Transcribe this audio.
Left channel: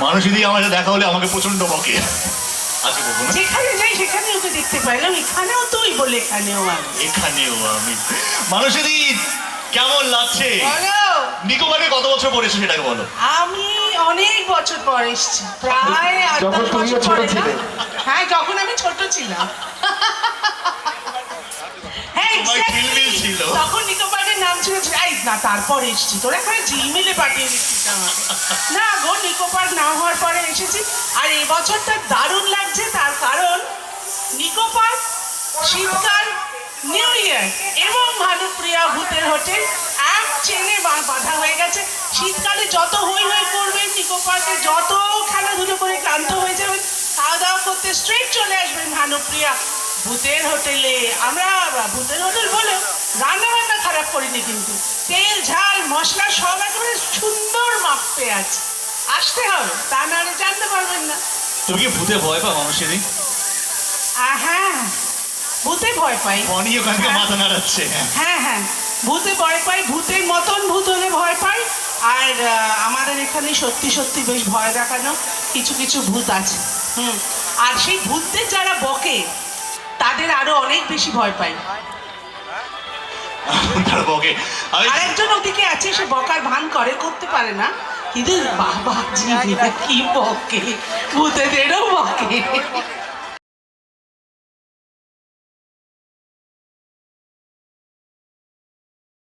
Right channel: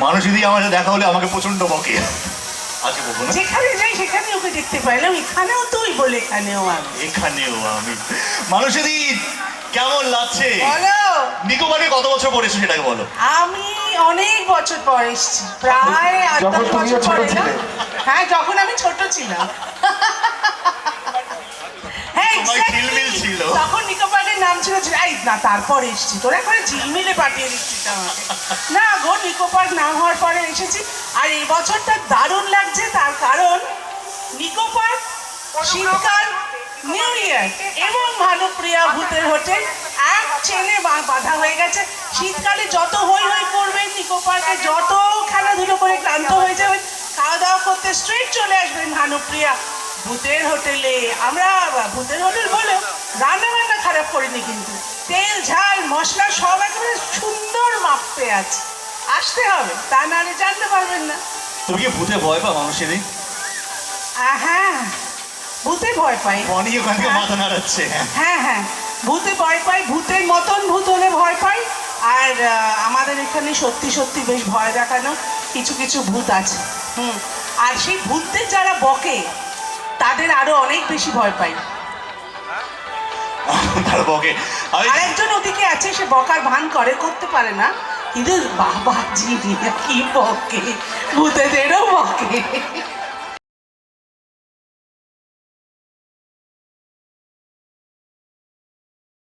মানুষ যদি আমার সাথে দেখা হলে আমাকে প্রচন্ড বকে। আজকে বলবো না, যেখানে যাই সেখানে ওকে দেখতে পাইলাম, এখানেও তুই বলে এখানেও আমি। এখানেও আমি। মানুষেরই কেমন লাগছে? বলো। নিকোবরে কত বছর পর এসেছো সেটাকে বলো। আমি অনেক বছর পর এসেছি, প্রায় 8-10 বছর পরে না? হ্যাঁ, যখন আমি ছোট ছিলাম। হ্যাঁ, তোমার ঝিলমিল ছিল। তখন নিকোবরের নাম ছিল এই না, তারপর এসেছি। তোরা করে ঝিলমিলে পাঠিয়ে দিচ্ছিস আমাকে। না গো, নিকোবর না হওয়ার পরে এসেছি। আর এই বছরটা দারুণ লাগছে, তার কারণ নিকোবর শীতকাল, নিউ ইয়ার এবং ভানুপ্রিয়া ভূতের হোটেল এক চেনে বাঁধা হয়ে গেছে। শীতকালে যত হই হই করবে, নিকোবরকে যত খেলাধুলো করে ক্লান্ত হয়ে যাবেন, খাওয়া দাওয়া করতে স্ট্রেট চলে আসবেন ভানুপ্রিয়া ভূতের হোটেলে। আমরা ভূতের হোটেল বলে রান্না বান্না খারাপ করিনি, কিন্তু তেল ঝাল মশলা সব একেবারে সুন্দর মাপতে আছে। আসতে হবে, তা নাহলে জানতে পারবেন না। তুমি কি ভূতে ভয় পাও মানুষেরই? হ্যাঁ, ভূতে ভয় পাই। বনি ওখান থেকে মাথা নাড়াচ্ছে। হ্যাঁ হ্যাঁ, ভূতে ভয় পাই, ভূতের মতন ভূত হলে ভয় পাই। আর আমাদের এখানে সত্যি সত্যি বেশ ভয় দেখানো কিছু কিছু ভূত আছে। আর সেই ভূতদের যারা বকে তাদের আরো অনেক বেশি ভয় পাই। তার বকে। আর একজন ওদিকে আছে, সে বকার ভান করে, করতে পারে না, কিন্তু বাবা জি কি বকে, ভূতেদেরও বকে।